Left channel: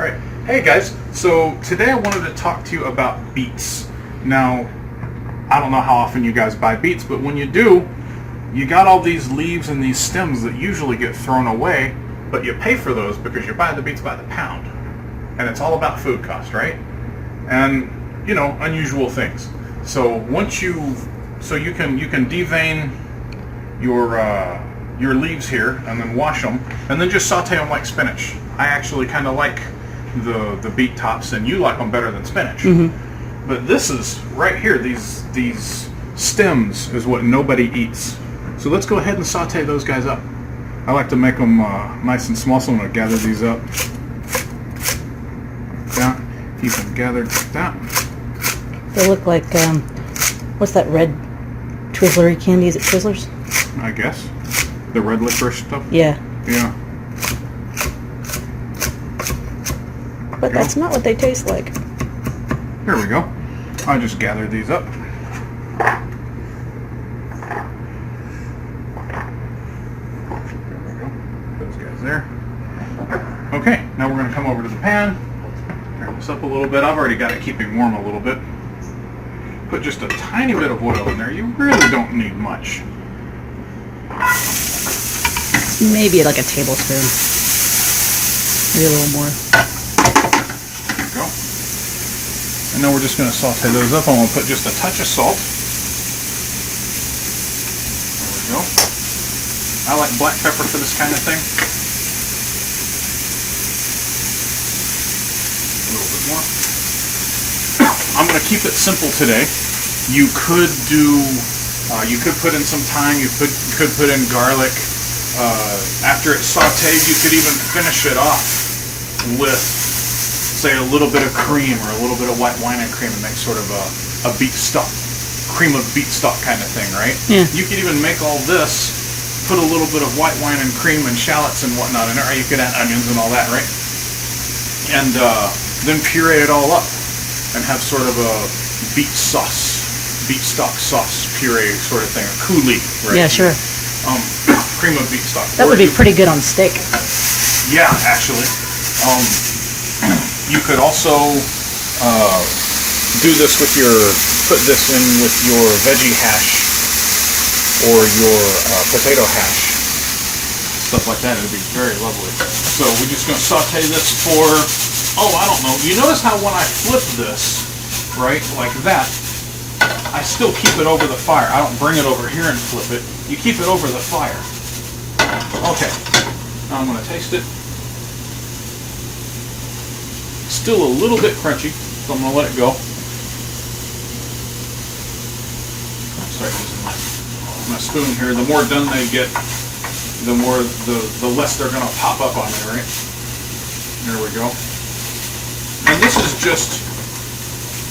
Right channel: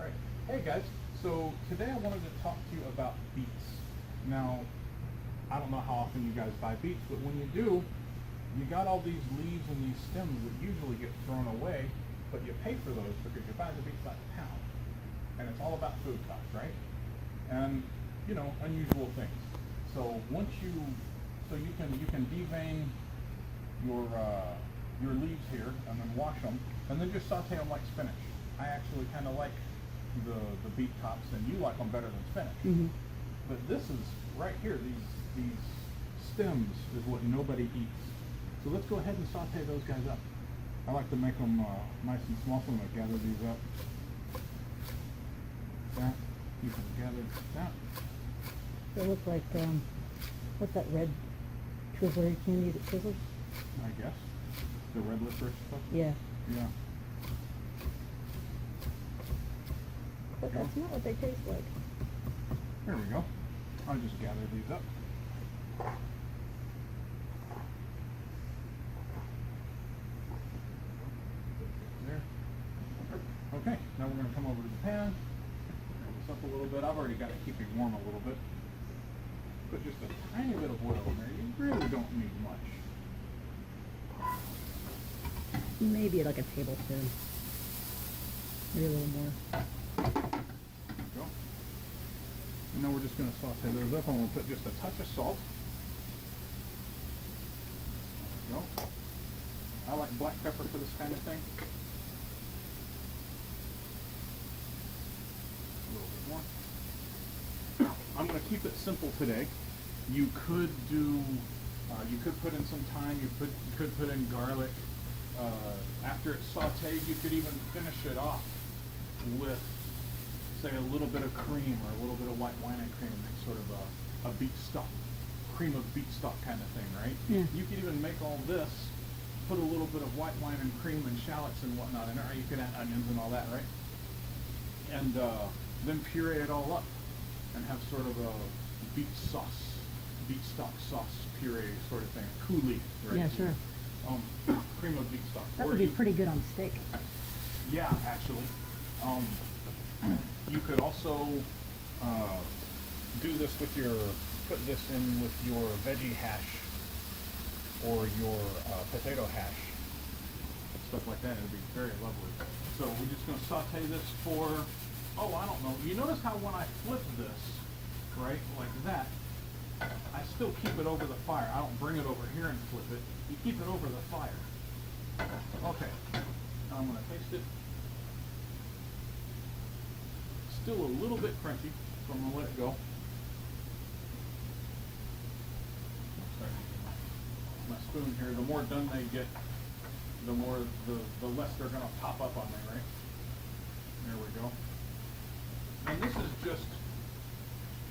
Alright, hey guys, so today I wanted to talk to you about beets. Now, I don't know how often you guys buy beets, but when you do, you got all these leaves and these stems that usually get thrown away, but you pay for those because you buy the beets by the pound. And it's all about food cost, right? And, you know, unusual things. So once you can devein your leaves here and then wash them and then just saute them like spinach. I actually kind of like the beet tops, and you like them better than spinach. Mm-hmm. But this is right here, these stems is what nobody eats. So let's go ahead and saute those guys up. I like to make them nice and small, so I'm going to gather these up. Like that. Keep them gathered like that. They look like, what's that red Twizzlery candy? Is it Twizzlers? I guess. The red licorice stuff? Yeah. Yeah. But that's not what they taste like. Here we go. I'll just gather these up. There we go. Those guys there. Okay, now we're going to come over to the pan. Turn this up a little bit. I've already got it keeping warm a little bit. Put just a tiny bit of oil in there. You really don't need much. Maybe like a tablespoon. Maybe a little more. There we go. And now we're just going to saute those up. I'm going to put just a touch of salt. There we go. I like black pepper for this kind of thing. A little bit more. I'm going to keep it simple today. You could do, you could put in some thyme. You could put in garlic. After it's sauteed, you could even finish it off with, say, a little bit of cream or a little bit of white wine and cream and make sort of a beet stock, cream of beet stock kind of thing, right? Yeah. You could even make all this, put a little bit of white wine and cream and shallots and whatnot in it, or you could add onions and all that, right? And then puree it all up and have sort of a beet sauce, beet stock sauce puree sort of thing, a coulis, right? Yeah, sure. Cream of beet stock. That would be pretty good on steak. Yeah, actually. You could also do this with put this in with your veggie hash or your potato hash. Stuff like that. It would be very lovely. So we're just going to saute this for, I don't know. You notice how when I flip this, right, like that, I still keep it over the fire. I don't bring it over here and flip it. You keep it over the fire. Okay, now I'm going to taste it. Still a little bit crunchy, so I'm going to let it go. Sorry, using my spoon here. The more done they get, the less they're going to pop up on it, right? There we go. And this is just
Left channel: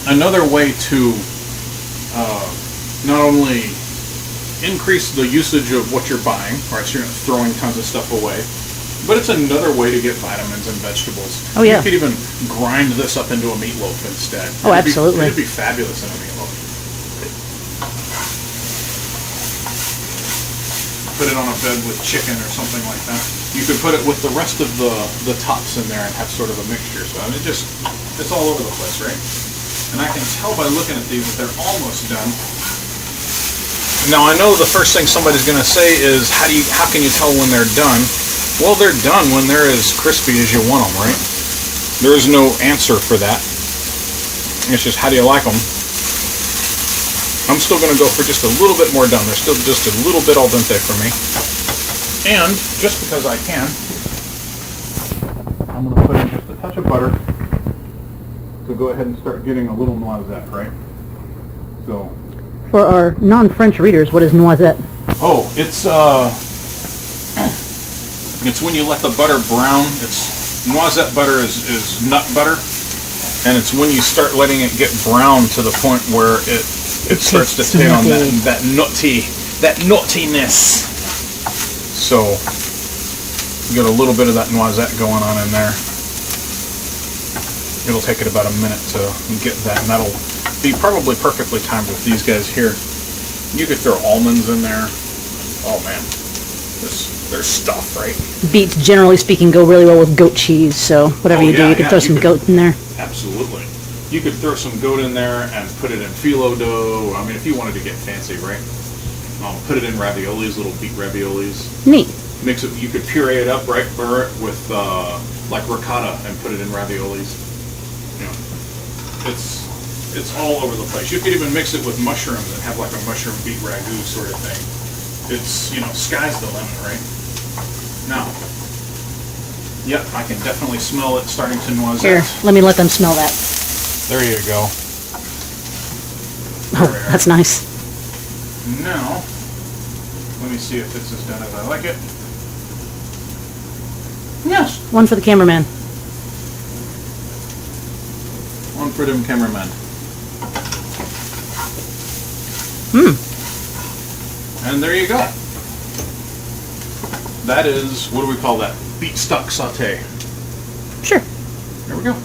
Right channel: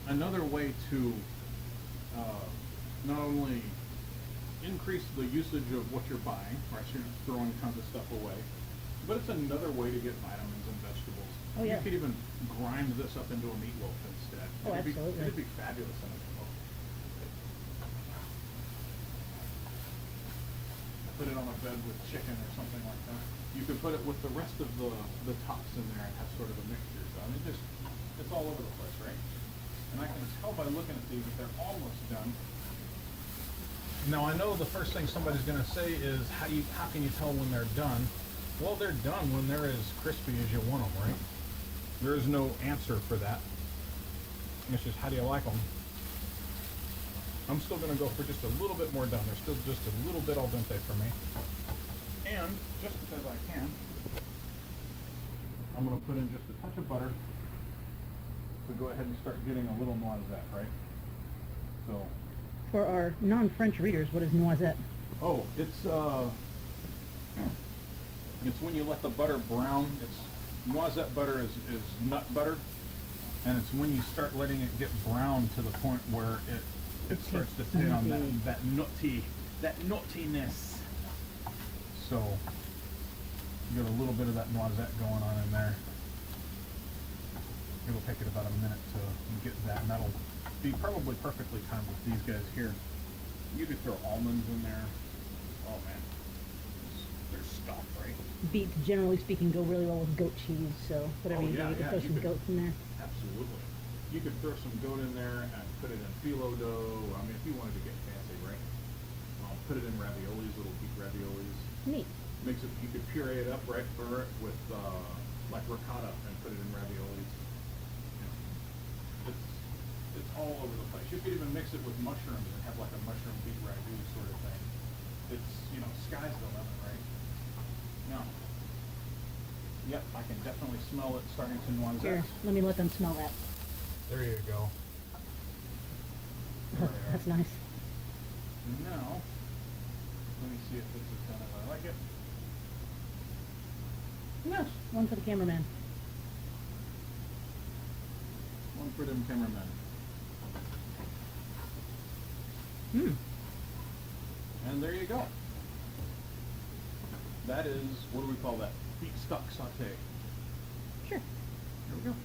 another way to not only increase the usage of what you're buying, right? So you're not throwing tons of stuff away, but it's another way to get vitamins and vegetables. Oh yeah. You could even grind this up into a meatloaf instead. Oh, absolutely. It'd be fabulous in a meatloaf. Put it on a bed with chicken or something like that. You could put it with the rest of the tops in there and have sort of a mixture. So I mean, it's all over the place, right? And I can tell by looking at these that they're almost done. Now I know the first thing somebody's going to say is, how can you tell when they're done? Well, they're done when they're as crispy as you want them, right? There is no answer for that. It's just, how do you like them? I'm still going to go for just a little bit more done. They're still just a little bit al dente for me. And just because I can, I'm going to put in just a touch of butter to go ahead and start getting a little noisette, right? So. For our non-French readers, what is noisette? Oh, it's when you let the butter brown. It's noisette butter is nut butter, and it's when you start letting it get brown to the point where it starts to take on that nuttiness. So you get a little bit of that noisette going on in there. It'll take it about a minute to get that, and that'll be probably perfectly timed with these guys here. You could throw almonds in there. Oh man, this their stuff, right? Beets, generally speaking, go really well with goat cheese, so whatever Oh, you do, yeah, you can yeah, throw you some could- goat in there. Absolutely. You could throw some goat in there and put it in phyllo dough. I mean, if you wanted to get fancy, right? Put it in raviolis, little beet raviolis. Neat. Mix it. You could puree it up, right? Burr it with like ricotta and put it in raviolis. You know, it's all over the place. You could even mix it with mushrooms and have like a mushroom beet ragu sort of thing. It's, you know, sky's the limit, right? Now, yep, I can definitely smell it starting to noisette. Here, let me let them smell that. There you go. Oh, There we are. that's nice. Now, let me see if this is done as I like it. Yes. One for the cameraman. One for them cameramen. And there you go. That is, what do we call that? Beet stock saute. Sure. There we go.